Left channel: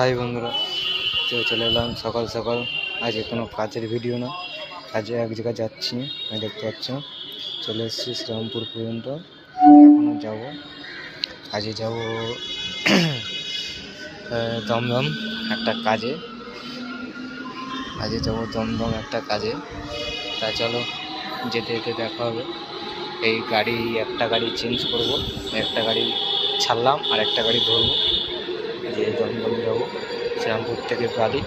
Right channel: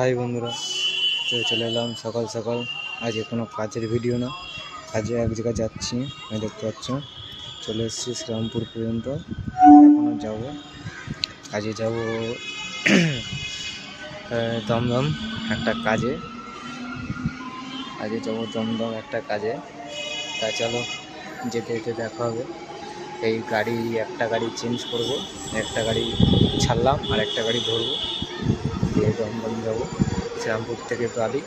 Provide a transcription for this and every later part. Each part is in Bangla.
হাই বন্ধুরা, চলে এলাম সকাল সকাল। আজকে কোনো কাজের ভিডিও না, কাজে এক জায়গায় যাচ্ছি। আমি দেখতে পাচ্ছি চলে এসেছি শ্রীরামপুর পর্যন্ত। এখনও যাবো, আজকে যাবো দমদম একটা কাজে। আজকে যাবো দমদম একটা কাজে। তা চলো, যেতে যেতে দেখা হবে। এই একটা গাড়ি চেঞ্জ করব, একটা গাড়ি ছাড়লাম আর একটা গাড়ি ধরবো, দিয়ে দমদম যাবো। শ্রীরামপুর থেকে বালি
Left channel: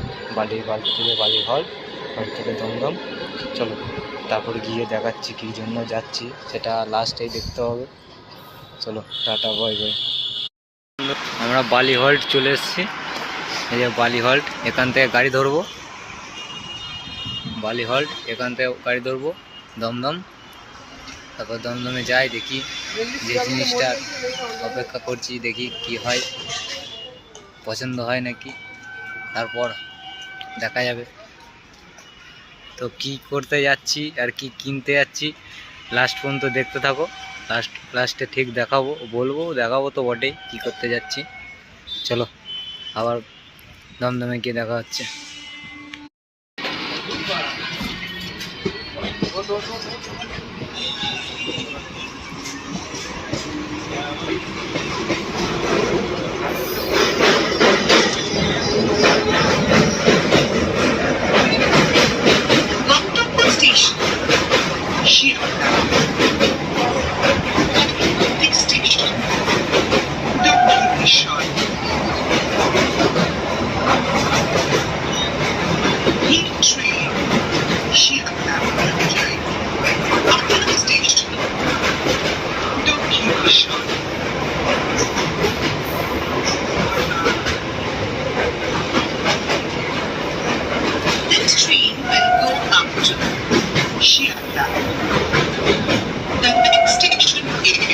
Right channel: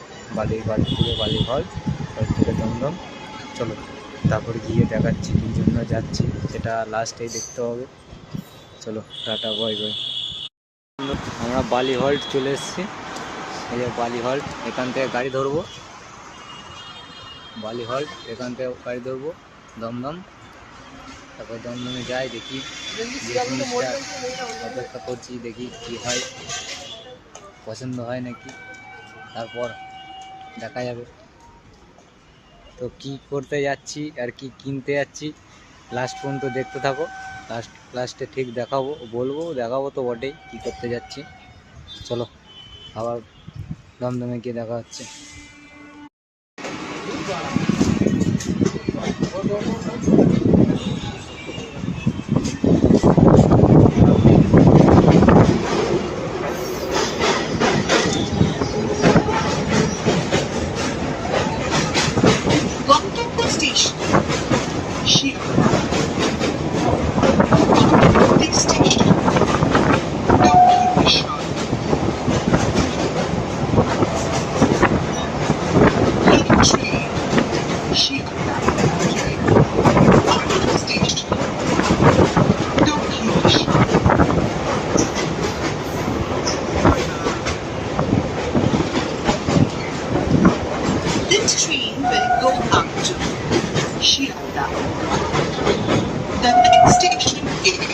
থেকে বালিঘর, ওর থেকে দমদম। চলো, তারপর গিয়ে দেখাচ্ছি কী জন্য যাচ্ছি, সেটা লাস্টেই দেখতে হবে। চলো, টাটা, বাই বাই। আমরা বালি হল্ট চলে এসেছি। এই যে বালি হল্ট, এখান থেকে গাড়ি ধরবো। বালি হল্ট, এখান থেকে গাড়ি ধরবো দমদম। তারপর দমদমে যাই, দেখি যে জিনিসটা অপেক্ষা করছি, দেখি কি হয়, পছন্দ হয় নাকি, তারপর দেখা যাবে। তো কি করতে যাচ্ছি আর কি কিনতে যাচ্ছি, লাস্ট পর্যন্ত দেখতে থাকো। লাস্টে ঠিক দেখাবো তো বটেই কি করতে যাচ্ছি। চলো, আবার দমদমে গিয়ে দেখা হচ্ছে। This train will go up to Shiata. The next station is